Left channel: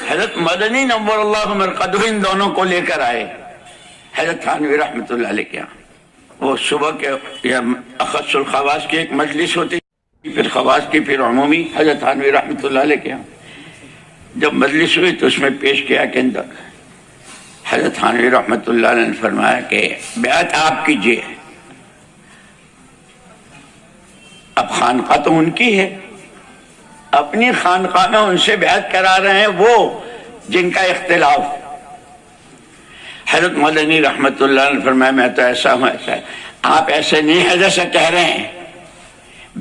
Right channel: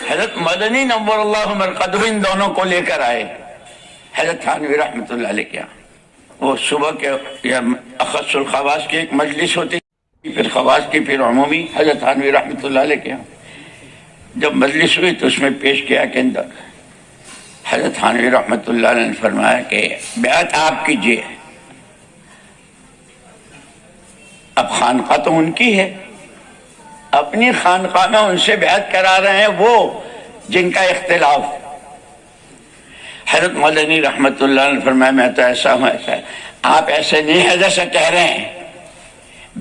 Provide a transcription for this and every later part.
حضرت مدنی نور اللہ مرقدہ ان دونوں کو لے کر آئے حضرت تھانوی رحمۃ اللہ علیہ کے یہاں. وہ صبح کے اخص الخواص کی ایک مجلس ہوتی، پھر خواص کی، پھر عمومی. حضرت تھانوی رحمۃ اللہ علیہ کے یہاں جب مجلس ہوئی تو اس میں پیش کیا کہ اندر حضرت تھانوی رحمۃ اللہ علیہ نے فرمایا کہ بیعت آپ کیجیے. اب خانقاہ تو ان کی ہے، اپنی خانقاہ میں ان سے بیعت کرا رہے ہیں وہ جن کا اختلاف. حضرت مدنی رحمت اللہ نے فرمایا میں تو ایسا ہوں ایسا ہے. آپ ایسے نہیں ہے جیسا کہہ رہے ہیں،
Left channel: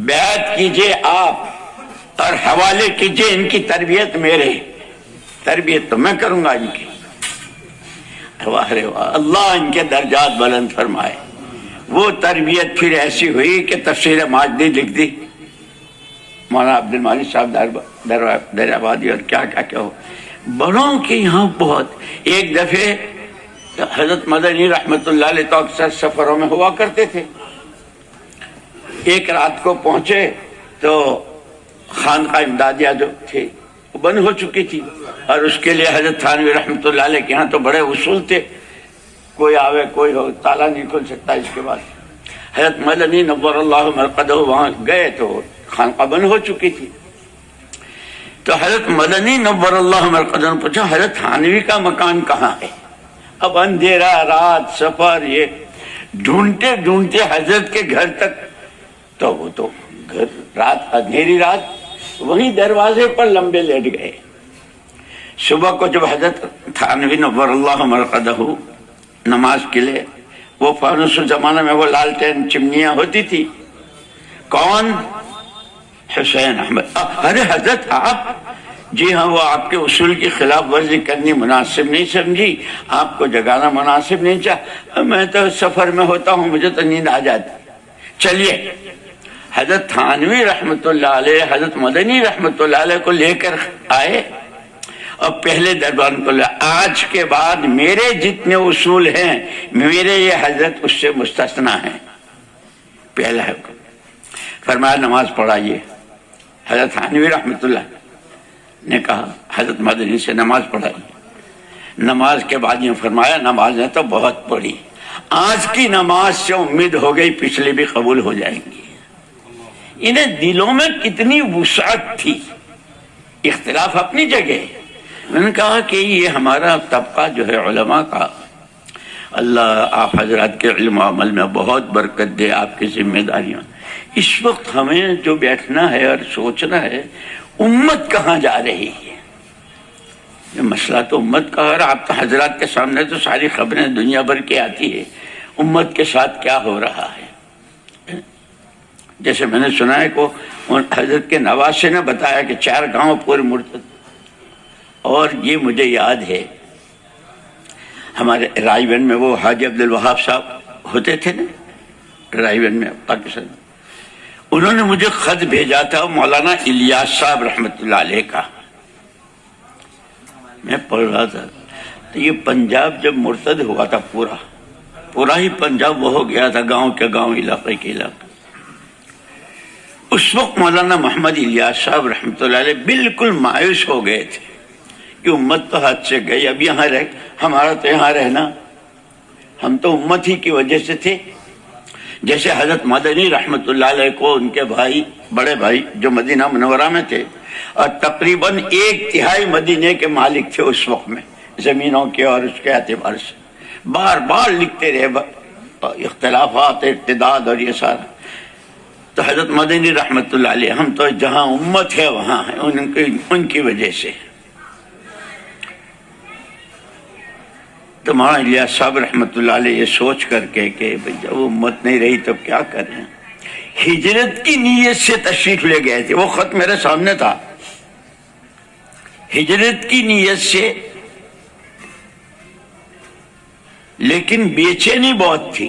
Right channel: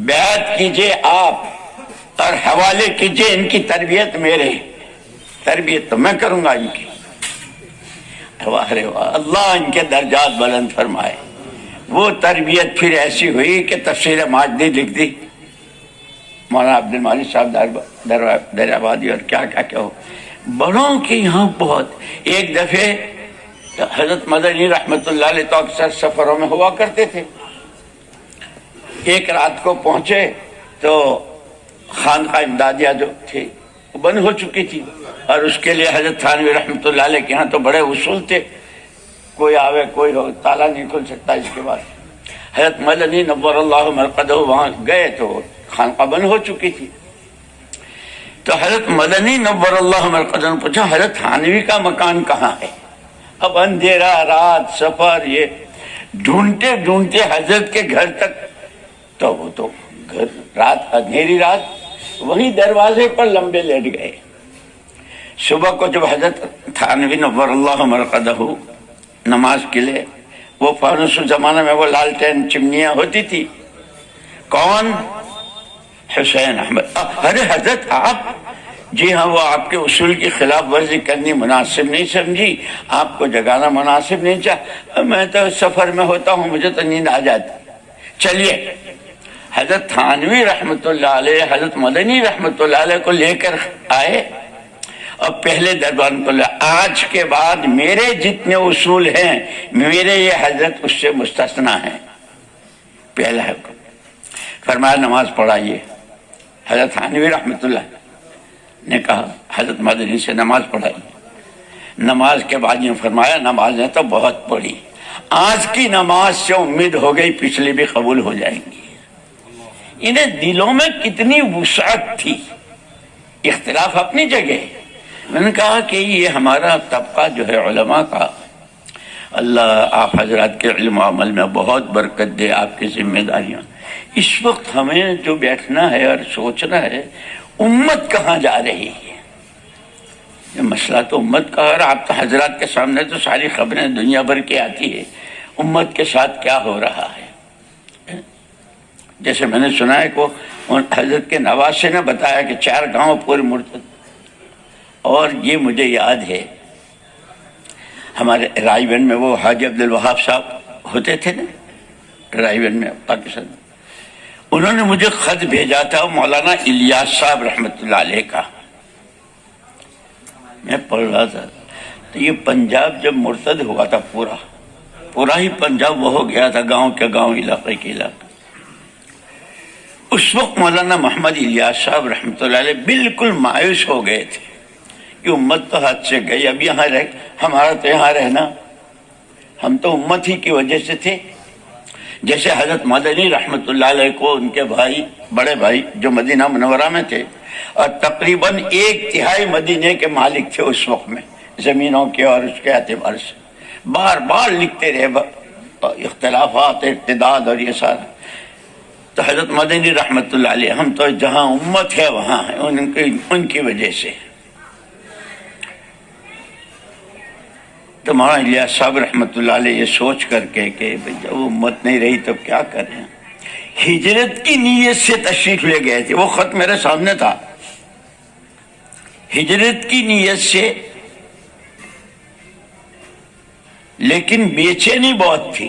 بیعت کیجئے آپ اور حوالے کیجئے ان کی تربیت میرے. تربیت تو میں کروں گا ان کی. واہ رے واہ، اللہ ان کے درجات بلند فرمائے. وہ تربیت پھر ایسی ہوئی کہ تفسیر ماجدی لکھ دی مولانا عبد المالک صاحب در آبادی، اور کیا کیا ہو بڑوں کے یہاں بہت. ایک دفعہ حضرت مدنی رحمت اللہ علیہ تو اکثر سفروں میں ہوا کرتے تھے. ایک رات کو پہنچے تو خانقاہ امدادیہ جو تھی وہ بند ہو چکی تھی، اور اس کے لیے حضرت تھانوی رحمت اللہ علیہ کے یہاں تو بڑے اصول تھے، کوئی آوے کوئی ہو تالا نہیں کھل سکتا. اس کے بعد حضرت مدنی نور اللہ مرقدہ وہاں گئے تو خانقاہ بند ہو چکی تھی. تو حضرت مدنی نور اللہ مرقدہ نے پوچھا حضرت تھانوی کا مکان کہاں ہے؟ اب اندھیرا رات سفر، یہ ڈھونڈتے ڈھونڈتے حضرت کے گھر تک، تو وہ تو گھر رات اندھیری رات وہی دروازے پر لمبے لیٹ گئے. صبح کو جب حضرت تھانوی نور اللہ مرقدہ نماز کے لیے، وہ فانوس زمانہ میں وہ لالٹین چمنیاں ہوتی تھی، کون؟ حسین احمد. ارے حضرت آپ؟ جی ہاں، وہ آپ کے اصول کی خلاف ورزی کرنی مناسب نہیں سمجھی، آپ کو جگانا مناسب نہیں چاہا. میں تو سفر میں ہوتا ہوں، مجھے تو نیند آ جاتی. چلیے حضرت تھانوی رحمت اللہ علیہ حضرت مدنی رحمت اللہ علیہ کو لے کر آئے اور پہلے دربان کو لے. آج کے بعد میرے جتنے اصول ہیں میرے یہ حضرت اس سے مستثنا ہیں. پہلا ہے فرمایا نماز پڑھائیے. حضرت تھانوی رحمت اللہ نے کہا حضرت مدنی سے نماز پڑھائی. نماز کے بعد یہ فرمایا نمازیں تو بہت پڑھی، آج کی نماز سے امید ہو گئی پچھلی بھی قبول ہو جائیں گی. انہیں دلوں میں کتنی وسعت تھی. اختلاف اپنی جگہ. میں نے کہا کہ یہ ہمارا طبقہ جو ہے علماء کا، اللہ آپ حضرات کے علم و عمل میں بہت برکت دے. آپ کی ذمہ داریاں اس وقت ہمیں جو بیٹھنا ہے اور سوچنا ہے امت کہاں جا رہی ہے. یہ مسئلہ تو امت کا، اور آپ حضرات کے سامنے تو ساری خبریں دنیا بھر کی آتی ہے امت کے ساتھ کیا ہو رہا ہے. جیسے میں نے سنا ہے کہ حضرت کے نواسے نے بتایا کہ 4 گاؤں پورے مرتد. اور یہ مجھے یاد ہے ہمارے رائے گنج میں وہ حاجی عبد الوہاب صاحب ہوتے تھے نا رائے گنج میں پاکستان، انہوں نے مجھے خط بھیجا تھا مولانا الیاس صاحب رحمت اللہ علیہ کا. میں پڑھ رہا تھا یہ پنجاب جب مرتد ہوا تھا، پورا ہی پنجاب وہ ہو گیا تھا، گاؤں کے گاؤں، علاقے کے علاقے. اس وقت مولانا محمد الیاس صاحب رحمت اللہ علیہ بالکل مایوس ہو گئے تھے کہ امت تو ہاتھ سے گئی، اب یہاں رہ ہمارا تو یہاں رہنا، ہم تو امت ہی کی وجہ سے تھے. جیسے حضرت مدنی رحمت اللہ علیہ کو ان کے بھائی، بڑے بھائی جو مدینہ منورہ میں تھے اور تقریباً 1/3 مدینے کے مالک تھے اس وقت میں، زمینوں کے اور اس کے اعتبار سے بار بار لکھتے رہے اختلافات، ارتداد اور یہ سارا. تو حضرت مدنی رحمت اللہ علیہ ہم تو جہاں امت ہے وہاں ہے ان کی وجہ سے. تو مولانا الیاس صاحب رحمت اللہ علیہ یہ سوچ کر کے کہ جب امت نہیں رہی تو کیا کریں، ہجرت کی نیت سے تشریف لے گئے تھے. وہ خط میرے سامنے تھا. ہجرت کی نیت سے، لیکن بے چینی بہت تھی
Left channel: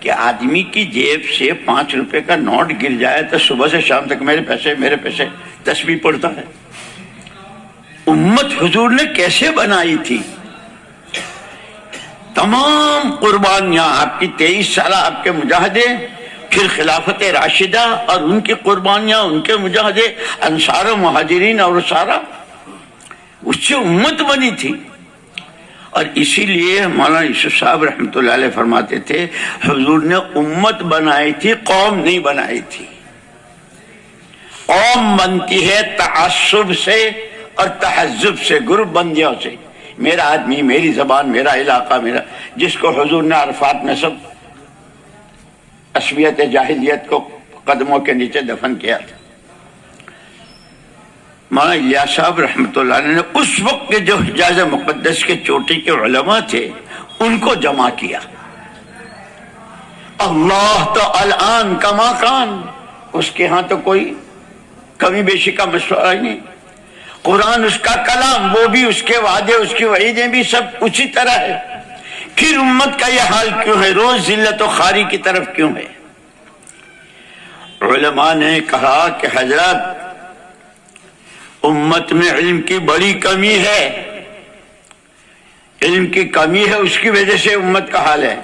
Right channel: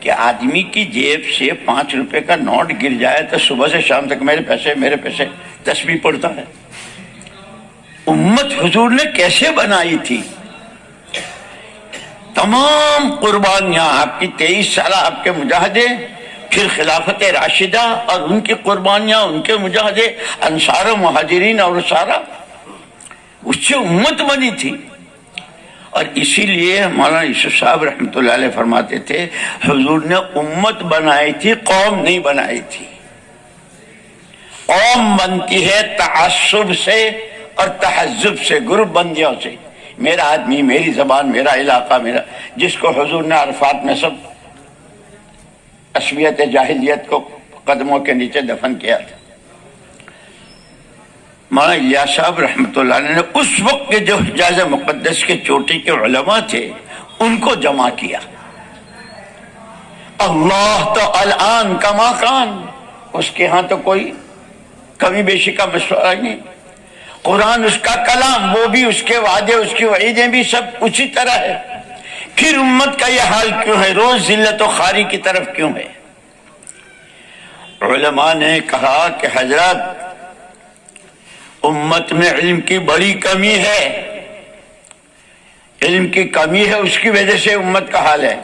کہ آدمی کی جیب سے 5 روپے کا نوٹ گر جائے تو صبح سے شام تک میرے پیسے تسبیح پڑھتا ہے. امت حضور نے کیسے بنائی تھی، تمام قربانیاں آپ کی 23 سالہ آپ کے مجاہدے، پھر خلافت راشدہ اور ان کی قربانیاں، ان کے مجاہدے، انصار و مہاجرین اور سارا. اس سے امت بنی تھی. اور اسی لیے مولانا یوسف صاحب رحمۃ اللہ علیہ فرماتے تھے حضور نے امت بنائی تھی، قوم نہیں بنائی تھی. قوم بنتی ہے تعصب سے اور تحزب سے، گروپ بندیوں سے. میرا آدمی، میری زبان، میرا علاقہ، میرا، جس کو حضور نے عرفات میں سب عصبیت جاہلیت کو قدموں کے نیچے دفن کیا تھا. مولانا الیاس صاحب رحمۃ اللہ علیہ نے اس وقت کے جو حجاز مقدس کے چوٹی کے علماء تھے ان کو جمع کیا. اللہ تو الان کما کان، اس کے ہاں تو کوئی کمی بیشی کا مسئلہ نہیں. قرآن اس کا کلام، وہ بھی اس کے وعدے، اس کی وعیدیں بھی سب اسی طرح ہے. پھر امت کا یہ حال کیوں ہے؟ روز ذلت و خواری کی طرف کیوں ہے؟ علماء نے کہا کہ حضرت امت میں علم کی بڑی کمی ہے، علم کی کمی ہے، اس کی وجہ سے امت کا حال ہے.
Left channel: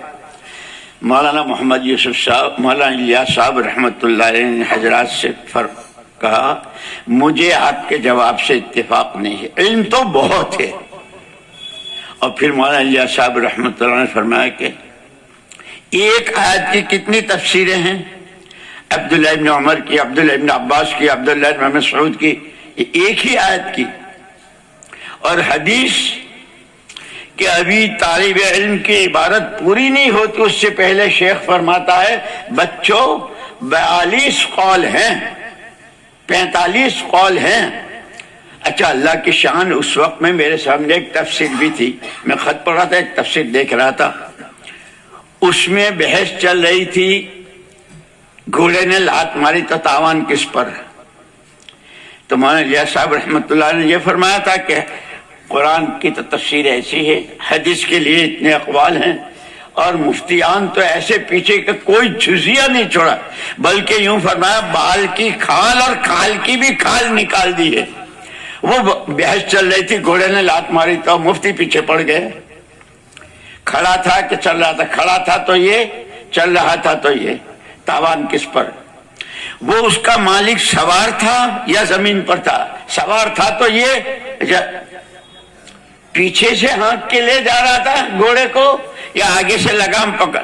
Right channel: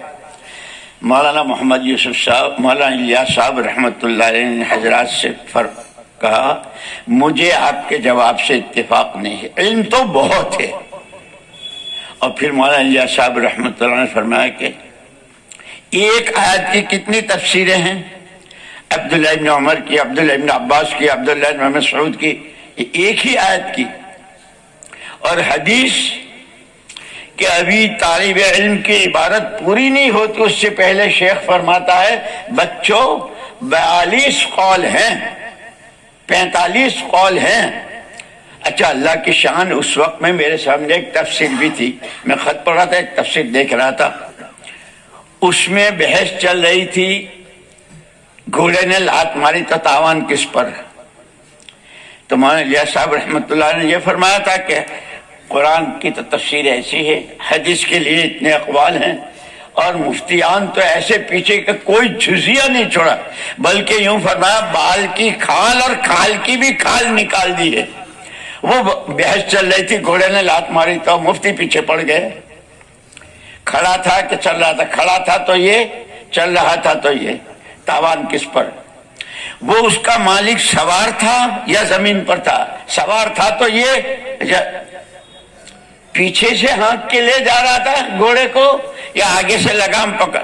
مولانا محمد یوسف صاحب، مولانا الیاس صاحب رحمۃ اللہ علیہ نے حضرات سے فرق کہا مجھے آپ کے جواب سے اتفاق نہیں ہے، علم تو بہت ہے. اور پھر مولانا الیاس صاحب رحمۃ اللہ نے فرمایا کہ ایک آیت کی کتنی تفسیریں ہیں؟ عبداللہ ابن عمر کی، عبداللہ ابن عباس کی، عبداللہ ابن مسعود کی، ایک ہی آیت کی. اور حدیث کہ ابھی طالب علم کی عبارت پوری نہیں ہوتی اس سے پہلے شیخ فرماتا ہے بچوں 42 قول ہیں، 45 قول ہیں. اچھا، اللہ کی شان، اس وقت میں میرے سامنے ایک تفسیر بھی تھی، میں خط پڑھا تھا، ایک تفسیر دیکھ رہا تھا، اس میں بحث چل رہی تھی گھوڑے نے لات ماری تو تاوان کس پر. تو مولانا الیاس صاحب رحمۃ اللہ نے یہ فرمایا تھا کہ قرآن کی تو تفسیر ایسی ہے، حدیث کے لیے اتنے اقوال ہیں، اور مفتیان تو ایسے پیچھے کہ کوئی جزیہ نہیں چھوڑا، بلکہ یوں فرمایا بال کی کھال اور کھال کی بھی کھال نکال دی ہے. وہ بحث چل رہی تھی، گھوڑے نے لات ماری تو مفتی پیچھے پڑ گئے. کھڑا تھا کہ چل رہا تھا، کھڑا تھا تو یہ، چل رہا تھا تو یہ، تاوان کس پر؟ وہ اس کا مالک سوار تھا یا زمین پر تھا؟ سوار تھا تو یہ پیچھے سے ہانک کے لے جا رہا تھا گھوڑے کو یا آگے سے لگام پکڑ.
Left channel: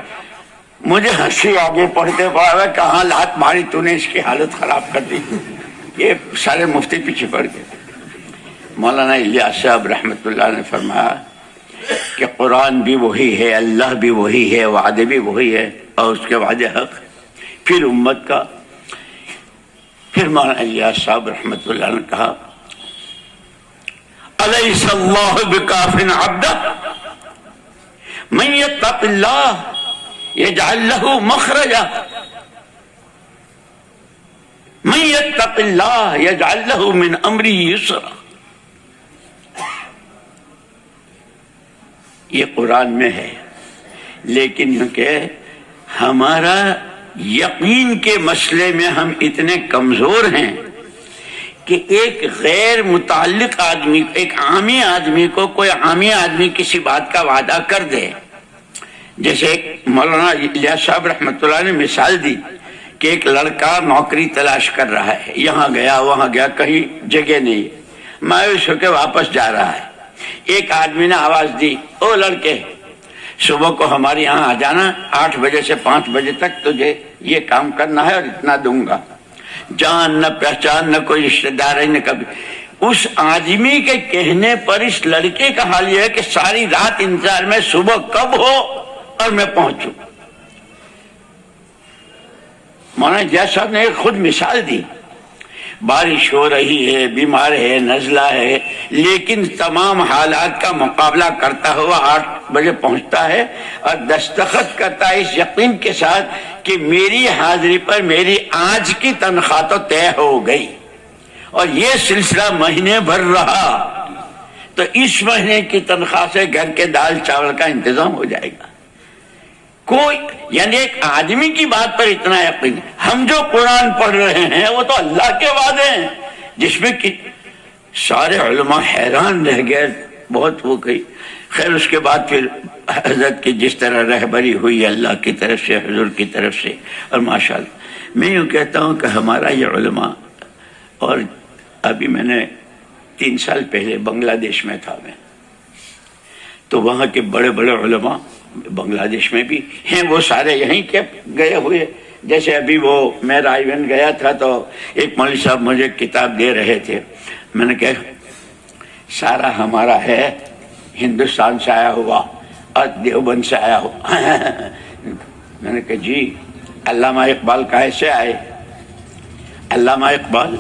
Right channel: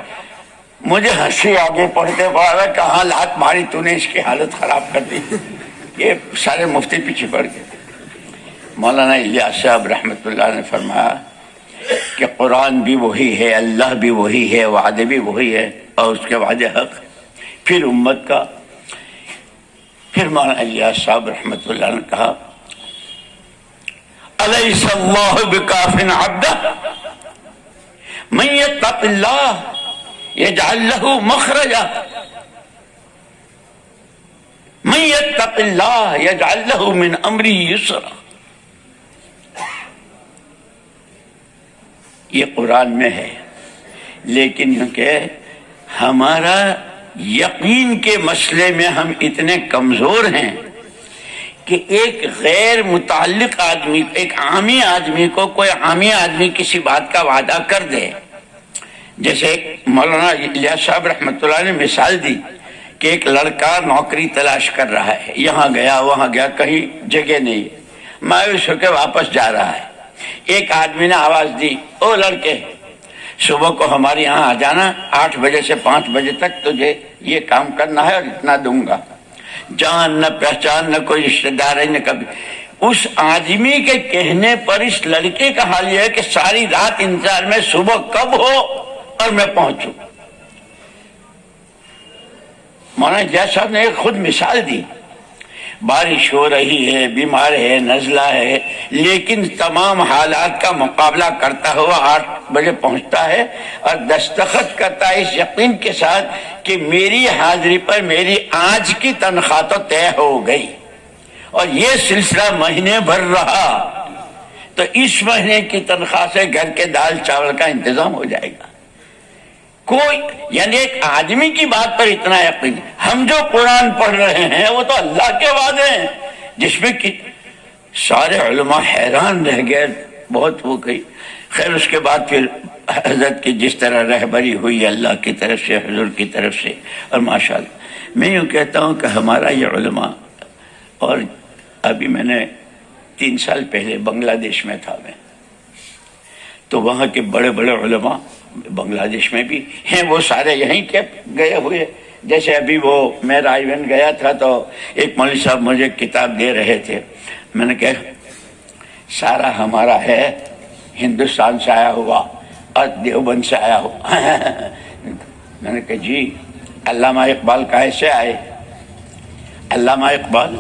مجھے ہنسی آگے پڑھتے پڑا، کہاں لات ماری تو نے، اس کی حالت خراب کر دی. یہ سارے مفتی پیچھے پڑ گئے. مولانا الیاس صاحب رحمۃ اللہ نے فرمایا کہ قرآن بھی وہی ہے، اللہ بھی وہی ہے، وعدے بھی وہی ہے، اور اس کے وعدے حق. پھر امت کا، پھر مولانا الیاس صاحب رحمۃ اللہ نے کہا الیس اللہ بکاف عبدہ من یتق اللہ یجعل لہ مخرجا، من یتق اللہ یجعل لہ من امری یسرا. یہ قرآن میں ہے، لیکن کہ ہمارا یقین کے مسئلے میں ہم اتنے کمزور ہیں کہ ایک غیر متعلق آدمی، ایک عامی آدمی کو، کوئی عامی آدمی کسی بات کا وعدہ کر دے. جیسے مولانا الیاس صاحب رحمۃ اللہ نے مثال دی کہ ایک لڑکا نوکری تلاش کر رہا ہے، یہاں گیا وہاں گیا، کہیں جگہ نہیں، مایوس ہو کے واپس جا رہا ہے. ایک آدمی نے آواز دی، او لڑکے، صبح کو ہمارے یہاں آ جانا، 8 بجے سے 5 بجے تک تجھے یہ کام کرنا ہے اور اتنا دوں گا. جان نہ پہچان، نہ کوئی رشتہ دار ہے، نہ کبھی. اس آدمی کے کہنے پر اس لڑکے کا حال یہ ہے کہ ساری رات انتظار میں، صبح کب ہو اور میں پہنچوں. مولانا الیاس صاحب نے ایک خود مثال دی، بارش ہو رہی ہے، بیمار ہے، نزلہ ہے، لیکن تمام حالات کا مقابلہ کرتا ہوا 8 بجے پہنچتا ہے اور دستخط کرتا ہے اس یقین کے ساتھ کہ میری حاضری پر میری آج کی تنخواہ تو طے ہو گئی. اور یہ سلسلہ مہینے بھر رہا تو اس مہینے کی تنخواہ سے گھر کے دال چاول کا انتظام ہو جائے گا. کوئی، یعنی ایک آدمی کی بات پر اتنا یقین. ہم جو قرآن پڑھ رہے ہیں وہ تو اللہ کے وعدے ہیں، جس میں کہ سارے علماء حیران رہ گئے، بہت وہ گئی. خیر اس کے بعد پھر حضرت کی جس طرح رہبری ہوئی اللہ کی طرف سے، حضور کی طرف سے، اور ماشاءاللہ میں یوں کہتا ہوں کہ ہمارا یہ علماء، اور ابھی میں نے 3 سال پہلے بنگلہ دیش میں تھا میں، تو وہاں کے بڑے بڑے علماء بنگلہ دیش میں بھی ہیں، وہ سارے یہیں کے گئے ہوئے. جیسے ابھی وہ میں رائے گنج گیا تھا تو ایک مولوی صاحب مجھے کتاب دے رہے تھے. میں نے کہا سارا ہمارا ہے، ہندوستان سے آیا ہوا اور دیوبند سے آیا ہوا. میں نے کہا جی علامہ اقبال کہاں سے آئے؟ علامہ اقبال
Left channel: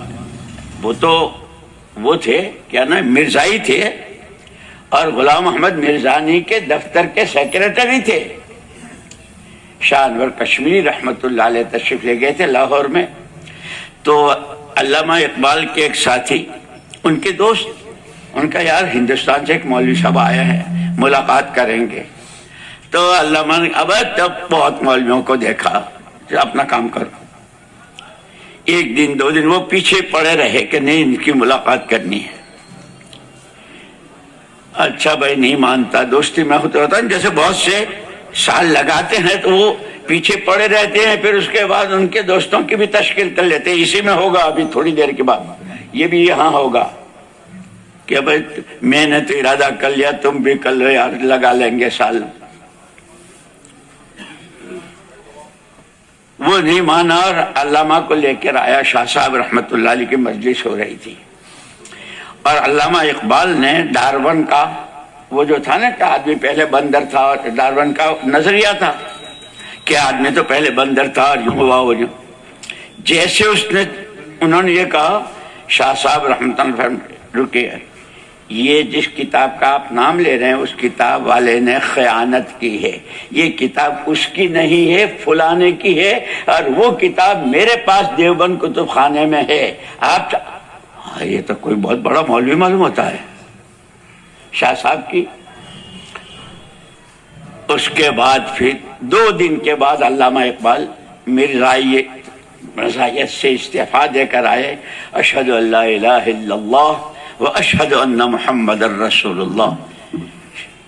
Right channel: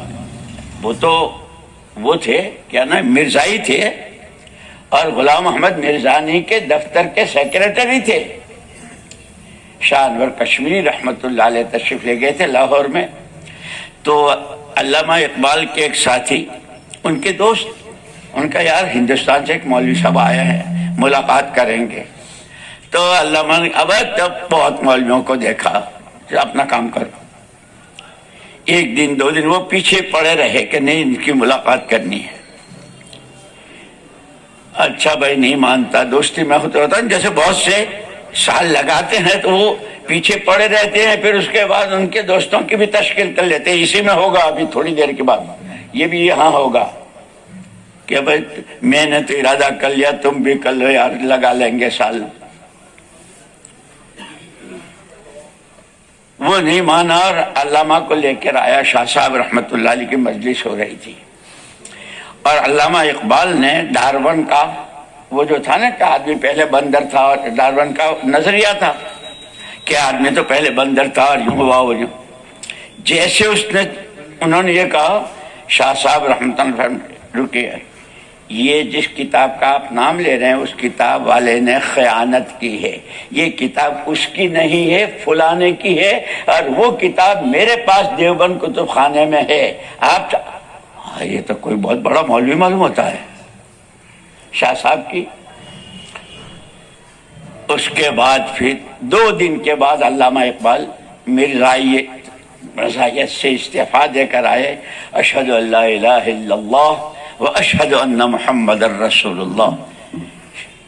وہ تھے کیا نا، مرزائی تھے اور غلام محمد مرزانی کے دفتر کے سیکریٹری تھے. شاہ انور کشمیری رحمت اللہ علیہ تشریف لے گئے تھے لاہور میں، تو علامہ اقبال کے ایک ساتھی ان کے دوست، ان کا یار ہندوستان سے ایک مولوی صاحب آیا ہے، ملاقات کریں گے. تو علامہ نے اب تب بہت مولویوں کو دیکھا کہ اپنا کام کرو. 1 دن 2 دن وہ پیچھے پڑے رہے کہ نہیں ان کی ملاقات کرنی ہے. اچھا بھائی نہیں مانتا، دوستی میں ہوتا ہے جیسے بہت سے سال لگاتے ہیں تو وہ پیچھے پڑے رہتے ہیں، پھر اس کے بعد ان کے دوستوں کی بھی تشکیل کر لیتے ہیں. اسی میں ہوگا ابھی تھوڑی دیر کے بعد یہ بھی یہاں ہوگا کہ بھائی میں نے تو ارادہ کر لیا، تم بھی کر لو یار، لگا لیں گے سال. وہ نہیں مانا اور علامہ کو لے کر آیا. شاہ صاحب رحمت اللہ علیہ کی مجلس ہو رہی تھی اور علامہ اقبال نے ڈارون کا وہ جو تھا نا کہ آدمی پہلے بندر تھا، اور ڈارون کا نظریہ تھا کہ آدمی تو پہلے بندر تھا اور یوں ہوا وہ جو، جیسے انہوں نے یہ کہا شاہ صاحب رحمت اللہ علیہ رکے، یہ جس کتاب کا آپ نام لے رہے ہیں اس کتاب والے نے خیانت کی ہے، یہ کتاب اس کی نہیں ہے فلانے کی ہے، اور وہ کتاب میرے پاس دیوبند کتب خانے میں ہے. آپ یہ تو کوئی بہت بڑا مولوی معلوم ہوتا ہے شاہ صاحب کی. اس کے بعد پھر 2 دن کے بعد علامہ اقبال مرزائیت سے استعفیٰ دے کر آئے. اشہد ان لا الہ الا اللہ واشہد ان محمد الرسول اللہ.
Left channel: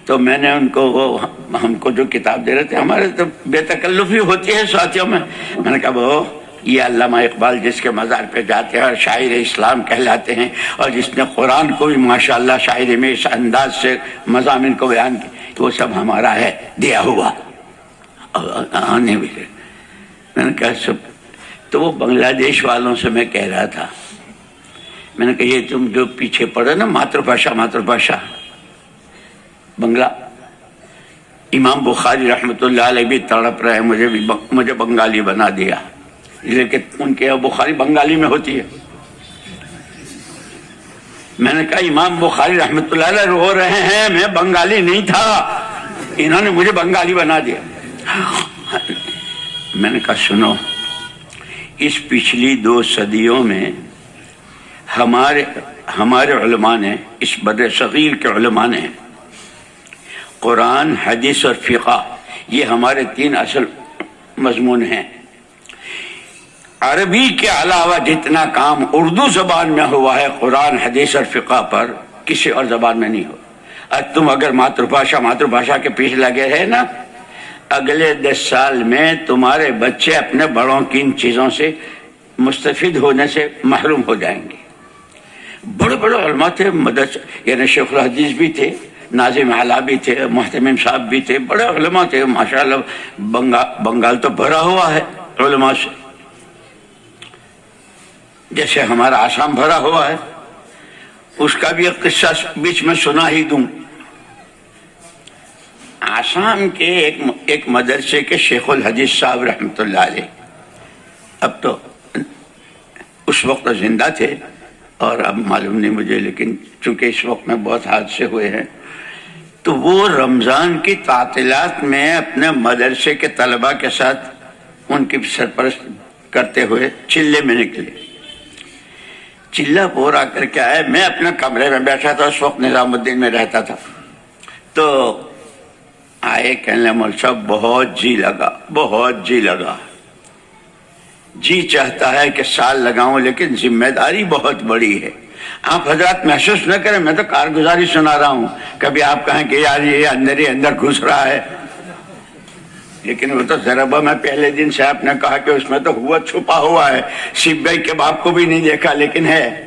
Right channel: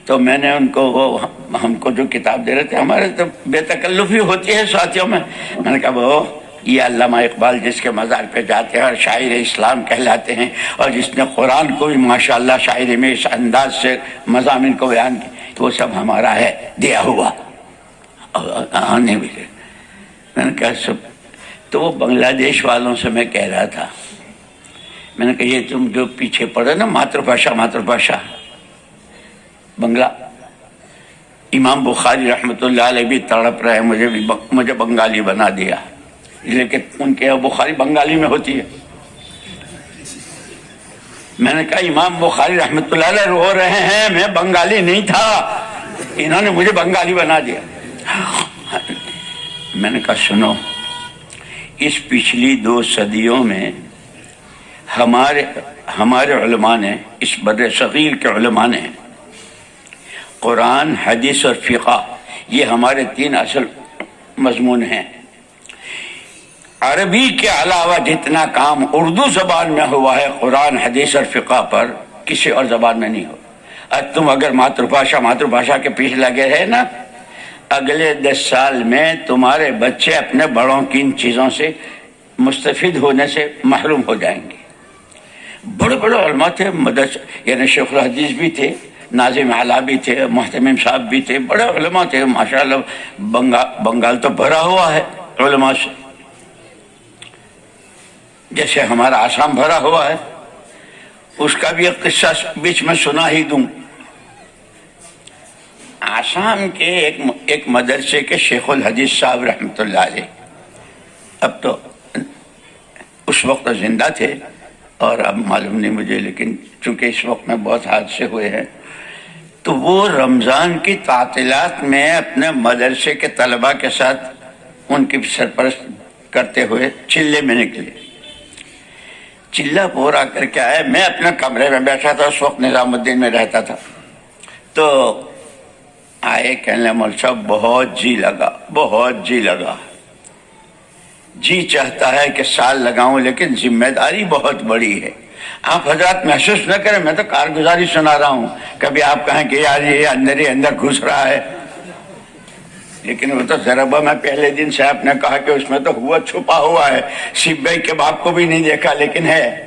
تو میں نے ان کو وہ ہم کو جو کتاب دے رہے تھے، ہمارے تو بے تکلفی ہوتی ہے ساتھیوں میں نے کہا وہ یہ علامہ اقبال جس کے مزار پہ جاتے ہیں اور شاعر اسلام کہلاتے ہیں، اور جس نے قرآن کو بھی ماشاءاللہ شاعری میں اس انداز سے مضامین کو بیان کیا، وہ سب ہمارا ہے دیا ہوا. آنے بھی میں نے کہا سب. تو وہ بنگلہ دیش والوں سے میں کہہ رہا تھا، میں نے کہا یہ تم جو پیچھے پڑے نا ماتر بھاشا بنگلہ، امام بخاری رحمت اللہ علیہ بھی تڑپ رہے مجھے بنگالی بنا دیا، لیکن ان کے بخاری بنگالی میں ہوتی ہے. میں نے کہا امام بخاری رحمت اللہ علیہ رو رہے ہیں، میں بنگالی نہیں تھا، انہوں نے مجھے بنگالی بنا دیا. میں نے کہا سنو، اس پچھلی 2 صدیوں میں ہمارے علماء نے، اس بر صغیر کے علماء نے قرآن، حدیث اور فقہ، یہ ہمارے 3 اصل مضمون ہیں. عربی کے علاوہ جتنا کام اردو زبان میں ہوا ہے قرآن، حدیث اور فقہ پر، کسی اور زبان میں نہیں ہو. اور تم اگر ماتر بھاشا کے پیچھے لگے رہے نا، اگلے 10 سال میں تمہارے بچے اپنے بڑوں کی ان چیزوں سے مستفید ہونے سے محروم ہو جائیں گے. بڑے بڑے علماء تھے، یعنی شیخ الحدیث بھی تھے، ناظم اعلیٰ بھی تھے، محتمم صاحب بھی تھے، بڑے علماء تھے ماشاءاللہ. بنگال تو بھرا ہوا ہے علماء سے، جیسے ہمارا آسام بھرا ہوا ہے. اس کا بھی ایک قصہ بیچ میں سنا ہی دوں. آسام کے ایک مدرسے کے شیخ الحدیث صاحب رحمت اللہ علیہ، اب تو اس وقت زندہ تھے اور اب معلوم نہیں مجھے، لیکن چونکہ اس وقت میں بہت حادثے ہوئے ہیں، تو وہ رمضان کی تعطیلات میں اپنے مدرسے کے طلباء کے ساتھ ان کی سرپرست کرتے ہوئے چلے میں نکلے. چلہ پورا کر کے آئے. میں اپنے کمرے میں بیٹھا تھا، اس وقت نظام الدین میں رہتا تھا. تو آئے کہنے مول صاحب بہت جی لگا، جی چاہتا ہے کہ سال لگاؤں لیکن ذمہ داری بہت بڑی ہے. آپ حضرات محسوس نہ کریں، میں تو کارگزاری سنا رہا ہوں، کبھی آپ کہیں کہ یار یہ اندر ہی اندر گھس رہا ہے. لیکن وہ تو ضربہ میں پہلے دن سے آپ نے کہا کہ اس میں تو ہوا چھپا ہوا ہے. سب بھائی کے باپ کو بھی نہیں دیکھا لیکن ہے.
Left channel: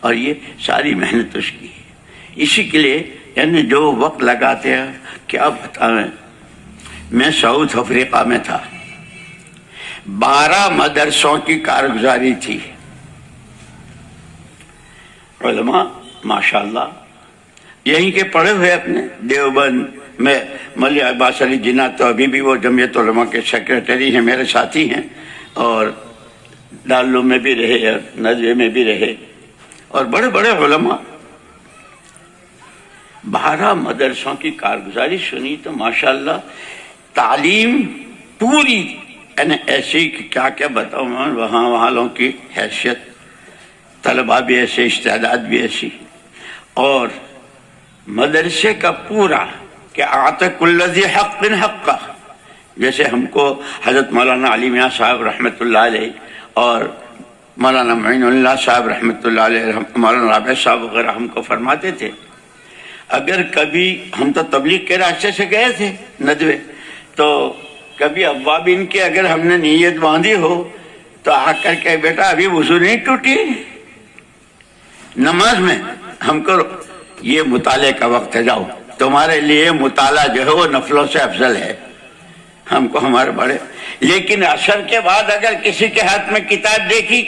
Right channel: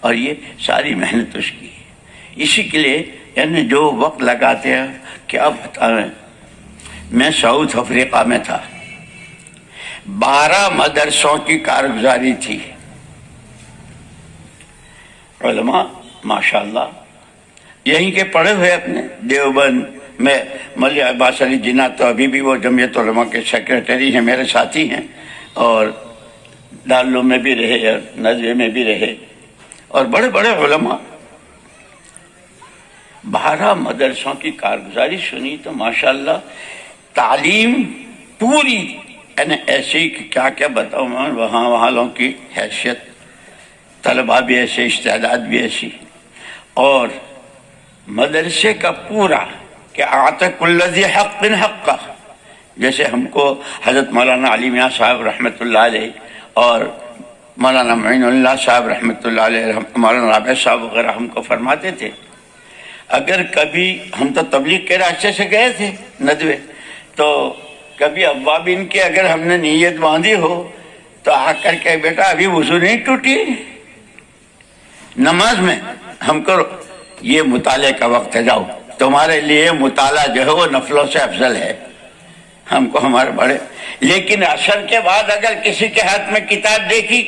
اور یہ ساری محنت اس کی ہے۔ اسی کے لیے یعنی جو وقت لگاتے ہیں کیا بتائیں، میں ساؤتھ افریقہ میں تھا، 12 مدرسوں کی کارگزاری تھی، علماء ماشاءاللہ یہی کے پڑھے ہوئے اپنے دیوبند میں، مولوی عباس علی جناح تو ابھی بھی وہ جمعیت علماء کے سیکریٹری ہیں، میرے ساتھی ہیں، اور دارالعلوم میں بھی رہے اور نجوے میں بھی رہے، اور بڑے بڑے علماء، 12 مدرسوں کی کارگزاری سنی تو ماشاءاللہ تعلیم پوری یعنی ایسی کہ کیا کیا بتاؤں میں، وہاں والوں کی حیثیت، طلباء بھی ایسے، استعداد بھی ایسی، اور مدرسے کا پورا کہ آتَ کُلَّ ذِی حق حقہ، جیسے ہم کو حضرت مولانا علی میاں صاحب رحمۃ اللہ علیہ اور مولانا معین اللہ صاحب رحمۃ اللہ علیہ، مولانا رابع صاحب وغیرہ ہم کو فرماتے تھے، اگر کبھی ہم تو تبلیغ کے راستے سے گئے تھے ندوے، تو کبھی اوابین کے اگر ہم نے نیت باندھی ہو تو آ کر کے بیٹا ابھی وضو نہیں ٹوٹی، نماز میں ہم کو یہ مطالعے کا وقت ہے، جاؤ تمہارے لیے مطالعہ جو ہے وہ نفلوں سے افضل ہے، ہم کو ہمارے بڑے، لیکن عصر کے بعد اگر کسی کے ہاتھ میں کتاب دیکھی،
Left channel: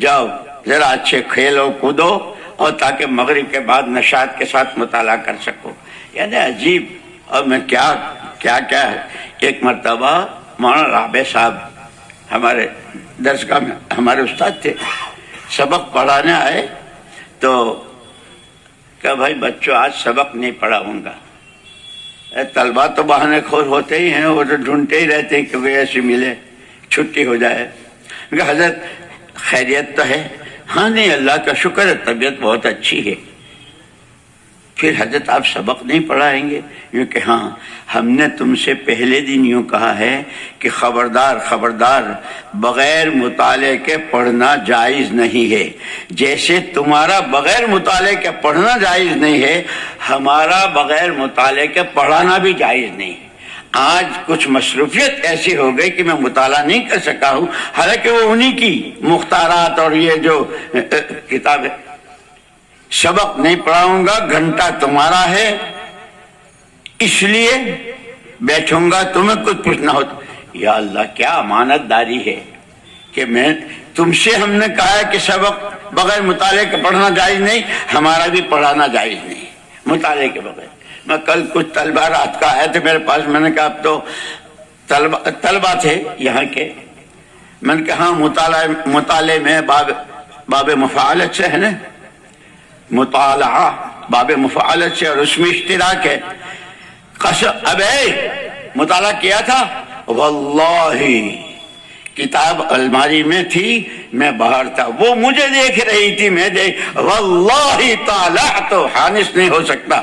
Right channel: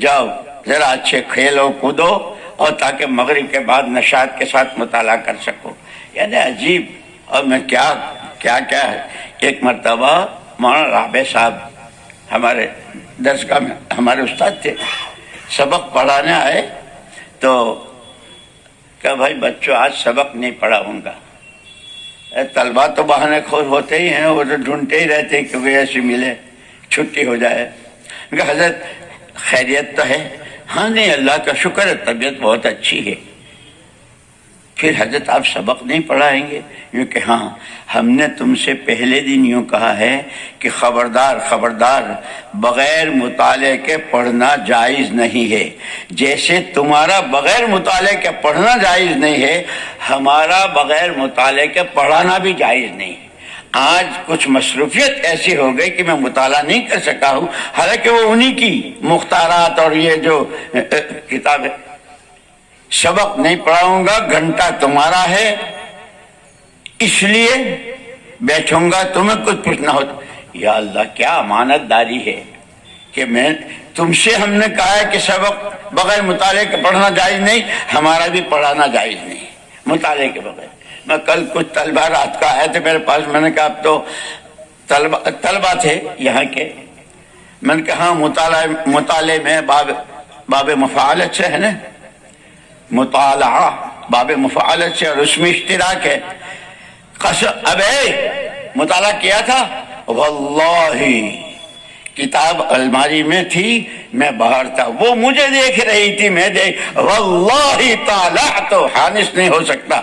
جاؤ ذرا اچھے کھیلو کودو اور تاکہ مغرب کے بعد نشاط کے ساتھ مطالعہ کر سکو، یعنی عجیب۔ اور میں کیا ہے، ایک مرتبہ مولانا رابع صاحب ہمارے درسگاہ میں ہمارے استاد تھے، سبق پڑھانے آئے تو کہ بھائی بچوں آج سبق نہیں پڑھاؤں گا، طلبا تو بہانے خور ہوتے ہی ہیں، وہ تو ڈھونڈتے ہی رہتے ہیں کہ وہ ایسے ملے چھٹی ہو جائے، کہ حضرت خیریت تو ہے؟ ہاں نہیں اللہ کا شکر ہے طبیعت بہت اچھی ہے۔ پھر حضرت آپ سبق نہیں پڑھائیں گے؟ کیونکہ ہاں ہم نے تم سے پہلے دن یوں کہا ہے کہ خبردار بغیر مطالعے کے پڑھنا جائز نہیں ہے، جیسے تمہارا بغیر مطالعے کے پڑھنا جائز نہیں ہے، ہمارا بغیر مطالعے کے پڑھانا بھی جائز نہیں۔ آج کچھ مصروفیت ایسی ہو گئی کہ میں مطالعہ نہیں کر سکا ہوں، حالانکہ وہ انہی کی مختارات اور یہ جو کتاب ہے، سبق نہیں پڑھاؤں گا، گھنٹہ تمہارا ہے، اس لیے بیٹھوں گا، تمہیں کچھ پوچھنا ہو۔ یا اللہ کیا امانت داری ہے کہ میں تم سے ہم نے کہا ہے کہ سبق بغیر مطالعے کے پڑھنا جائز نہیں، ہمارا بھی پڑھانا جائز نہیں مطالعے کے بغیر۔ میں کل کچھ طلبہ رات کا آئے تھے میرے پاس، میں نے کہا اب تو طلبہ تھے یہاں کے، میں نے کہا ہاں مطالعے میں باب مفعلت سے ہے نا، مطالعہ باب مفعلت سے، اور اس میں اشتراک ہے۔ ابے مطالعہ کیا تھا؟ واللہ کتاب الماری میں تھی، میں باہر تھا، وہ مجھے دیکھ رہی تھی، میں واللہ طالعت، حانس نہیں ہو سکتا۔